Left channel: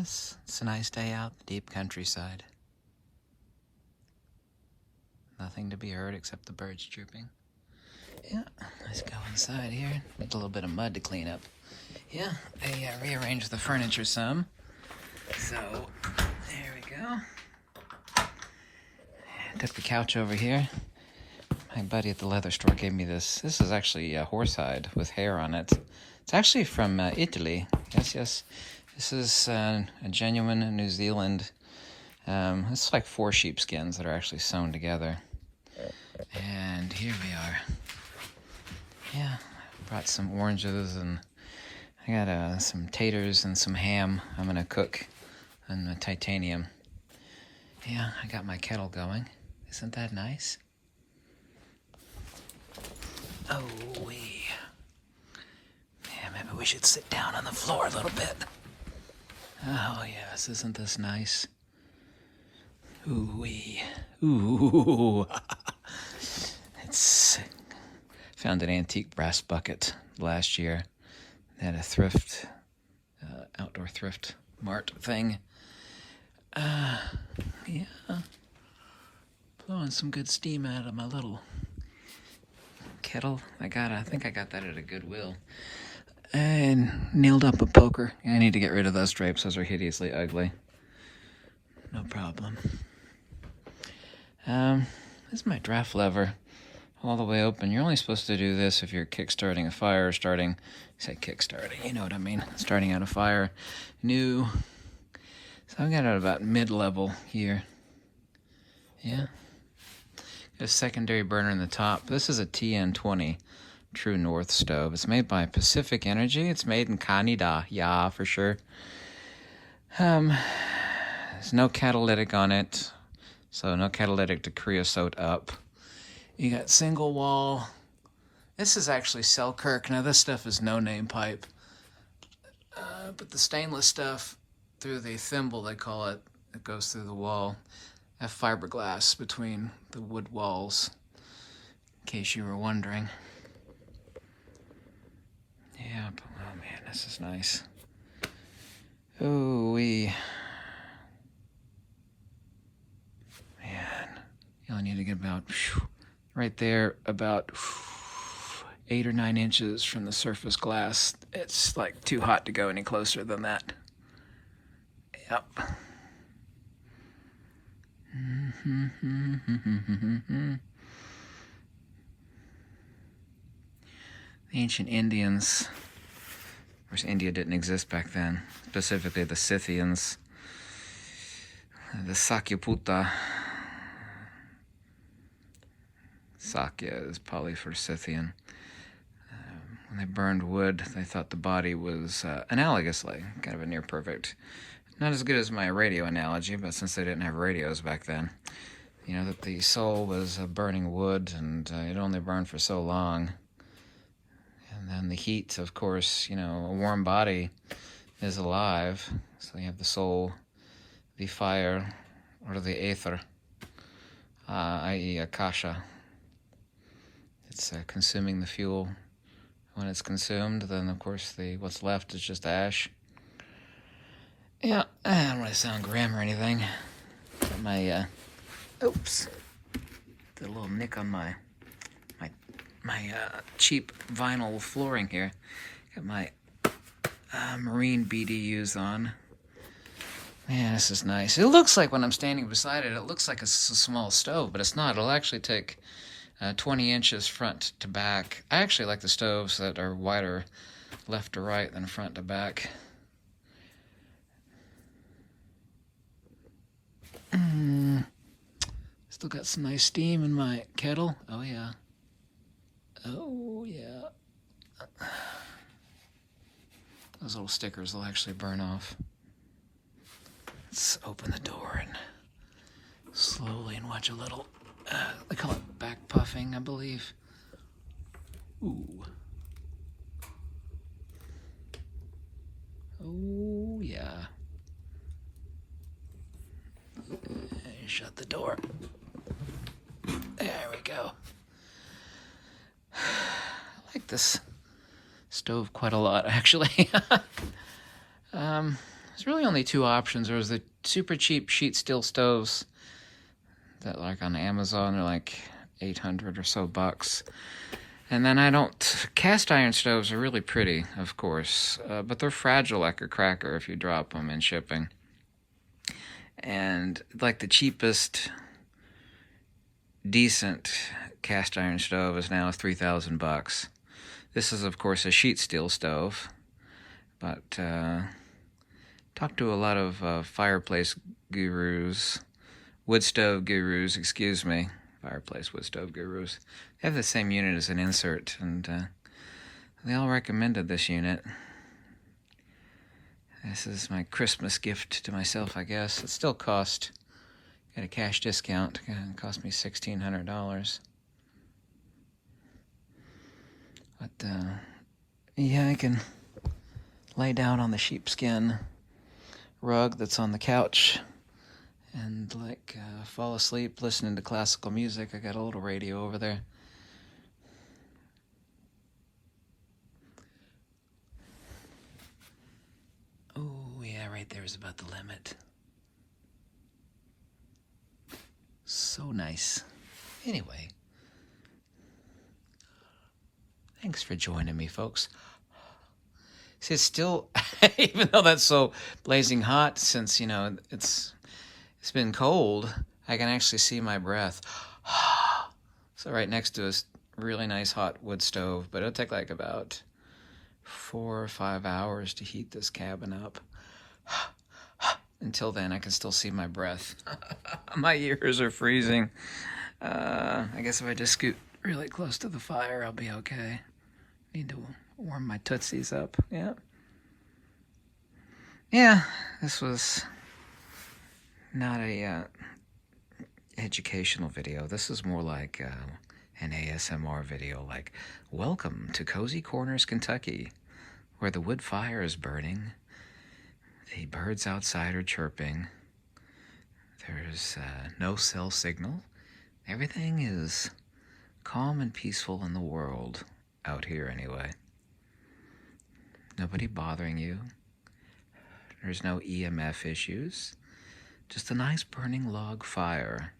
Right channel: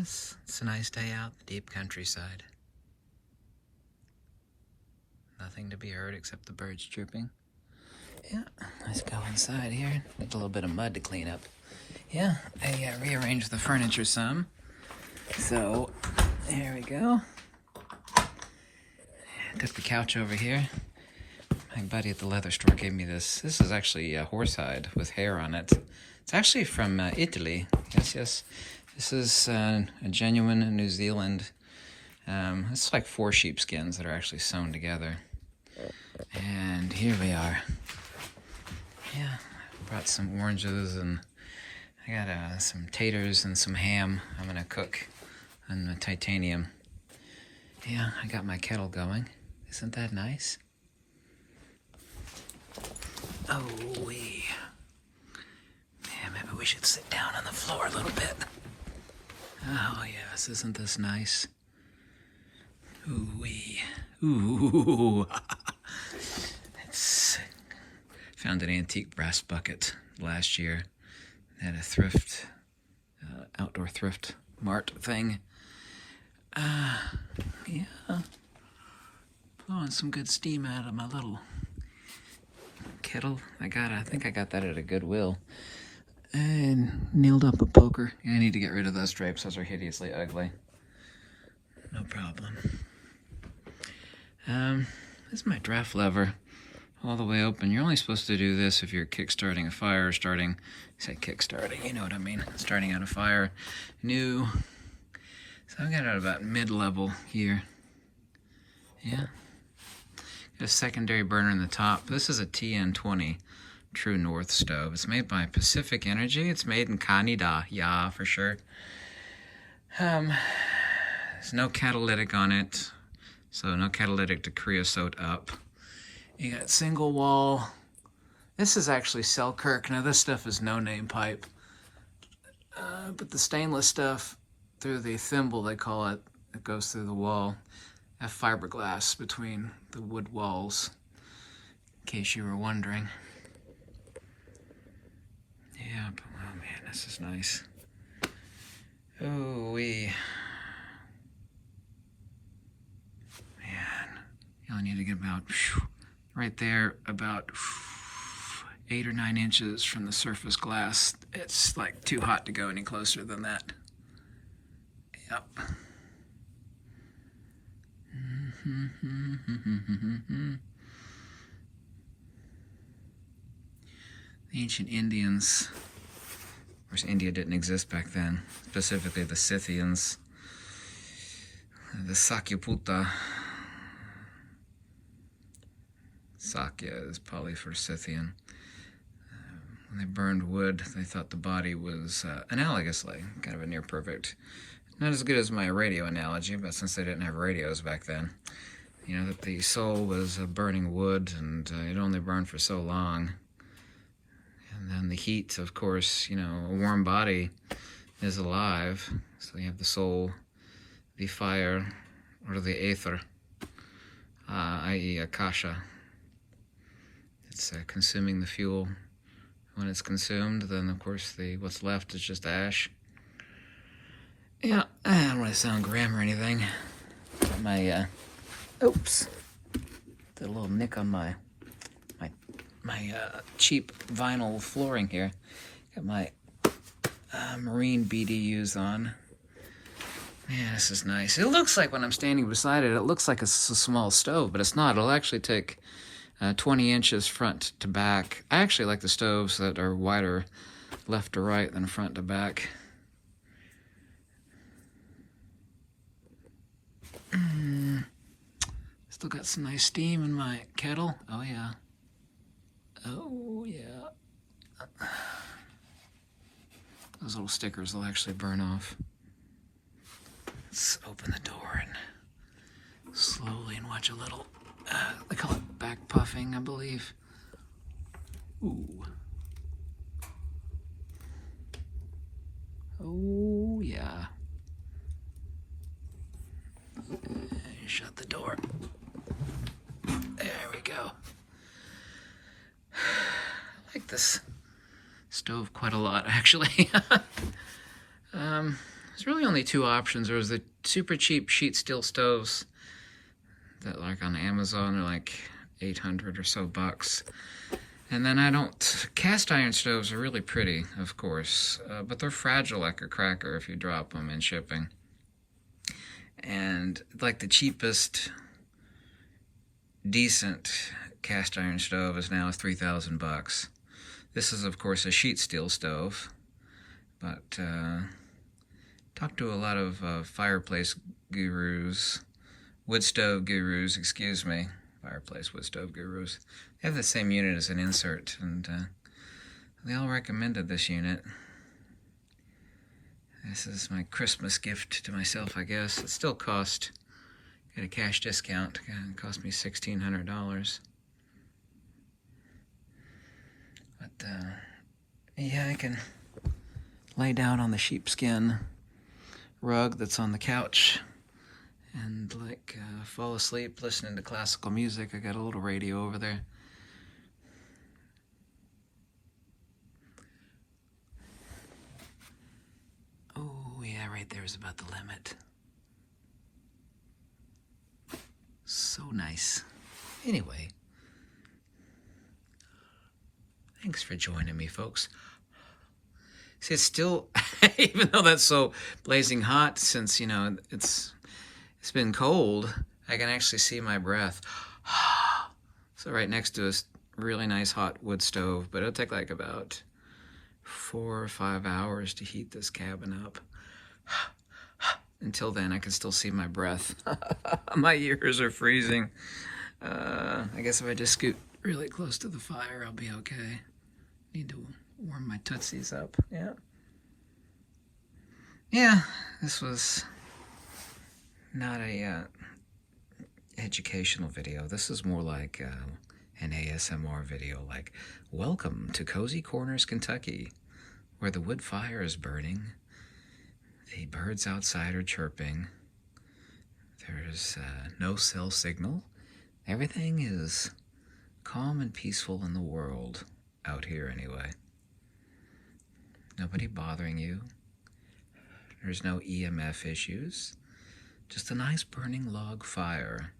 Yes, it's a nice day out in the deep countryside. Nothing to be heard except the birds chirping. Yeah, let's go inside here. Needs a little bit of mud to clean up. Yeah, I rearranged the furniture some. So, there we go. Took the couch over here. My buddy at the leather store gave me this. This is actually horsehide with hair on it. It's actually from Italy. Yes. This is a genuine New Zealand. It's like 4 sheepskins that are actually sewn together. And here we are. Yeah, brought some oranges and I got some taters and some ham I'm gonna cook on the titanium. Yeah, I got my kettle going. Isn't that nice? Oh, wee. Yeah, maybe we should sit down on the floor a little bit. Oh, yes, isn't this nice? Ooh, wee. Ooh. It's... Found an antique brass bucket last year at a thrift, outdoor thrift mart thing. Yeah. Blowing some good steam out of my little kettle. I think I got that at a Goodwill. And nailed up a poker. I need to get rid of those drapes. Those are hideously ugly. No problem. This is my draft lever. All the way open. You're only supposed to do this if you're kickstarting a fire or starting, kickstarting, you know what I mean, starting out a fire new. So I got it about mid-level here. Yeah. Got a secondary burner in the top. This is a TN20 True North stove. It's made by Pacific Energy. It's made in Canada, yeah, for sure. There's no catalytic on it, so no catalytic to creosote up. You got single wall. This is actually Selkirk. Now this stuff is no-name pipe. But the stainless stuff through the thimble, they call it, that goes through the wall, have fiberglass between the wood walls, in case you were wondering. Yeah, but, oh man, this is nice. Ooh-wee. Man, you only need to get about... right there, about 8 or 9 inches from the surface glass. It's like too hot to go any closer than that. Yep. The ancient Indians, of course India didn't exist back then, specifically the Scythians, the Sakyaputa. Sakya is probably for Scythian. When they burned wood, they thought the body was analogously kind of a near perfect. Not as good as my radio analogy, but since they didn't have radios back then, you know, that the soul was burning wood and it only burned for so long. And then the heat, of course, you know, a warm body is alive. So you have the soul, the fire, or the aether, i.e. akasha. It's consuming the fuel. When it's consumed, then of course what's left is just ash. Yeah, I don't want to sound grim or anything. Got my oops, did a little nick on my cheap vinyl flooring here. Got my marine BDUs on. Man, this is nice. It looks like when I'm standing beside it, it looks like it's a small stove, but it's not. It'll actually take 20 inches front to back. I actually like the stoves that are wider left to right than front to back. Still got some nice steam in my kettle. Oh yeah. Oh yeah. Those little stickers will actually burn off. Let's open the door and slowly and watch a little, they call it back puffing, I believe. Ooh. Oh, yeah. Shut the door. There we go. I like this stove quite a lot, actually. there's really only two options. There was the super cheap sheet steel stoves that, like, on Amazon, they're like 800 or so bucks. And then cast iron stoves are really pretty, of course, but they're fragile like a cracker if you drop them in shipping. And like the cheapest decent cast iron stove is now 3,000 bucks. This is, of course, a sheet steel stove, but talked to a lot of fireplace gurus, wood stove gurus, excuse me, fireplace wood stove gurus. They have the same unit as an insert, and they all recommended this unit. This is my Christmas gift to myself, I guess. It still cost, got a cash discount, it cost me $1,600. But, yeah, I can lay down on the sheepskin rug that's on the couch and, like, fall asleep listening to classical music. I got a little radio over there. Oh, yeah, right there is about the limit. So nice. Anyway, thanks for joining me, folks. See, it's still, even though that's so blazing hot, since, you know, it's been cold, I can actually see my breath. So right next to this really nice hot wood stove, but it'll take like about 4 or 5 hours to heat this cabin up. Until then, I can still see my breath. My ears are freezing. I guess if I just scoot really close to the fire, I'll be okay. Need to warm my tootsies up. Yeah, this was not a educational video. This is more like an ASMR video, like, welcome to Cozy Corners, Kentucky, where the wood fire is burning, the birds outside are chirping, there's no cell signal, everything is calm and peaceful in the world, out here anyway. Nobody bothering you. There's no EMF issues. Just a nice burning log fire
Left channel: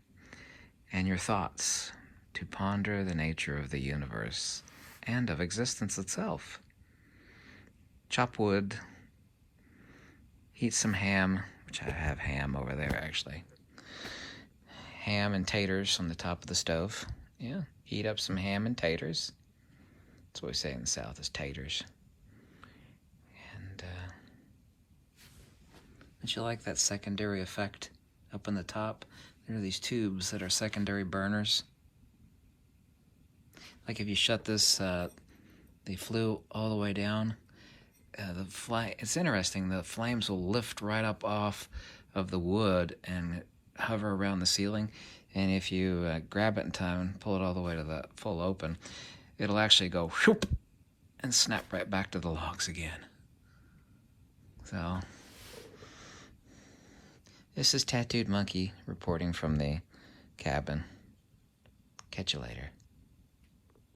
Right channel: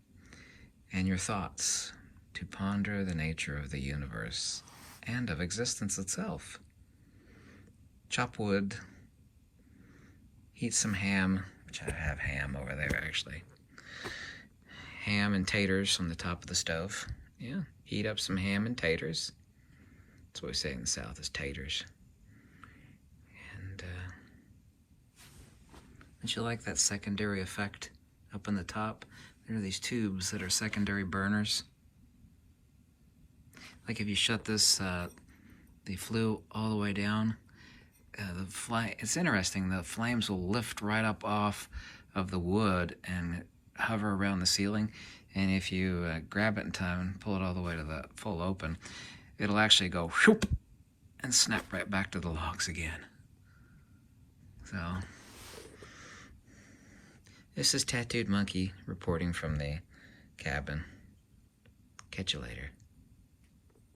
and your thoughts to ponder the nature of the universe and of existence itself. Chop wood, heat some ham, which I have ham over there actually. Ham and taters on the top of the stove. Yeah, heat up some ham and taters. That's what we say in the South, is taters. And don't you like that secondary effect up on the top? There are these tubes that are secondary burners. Like if you shut this, the flue all the way down, it's interesting, the flames will lift right up off of the wood and hover around the ceiling. And if you grab it in time and pull it all the way to the full open, it'll actually go whoop and snap right back to the logs again. So, this is Tattooed Monkey reporting from the cabin. Catch you later.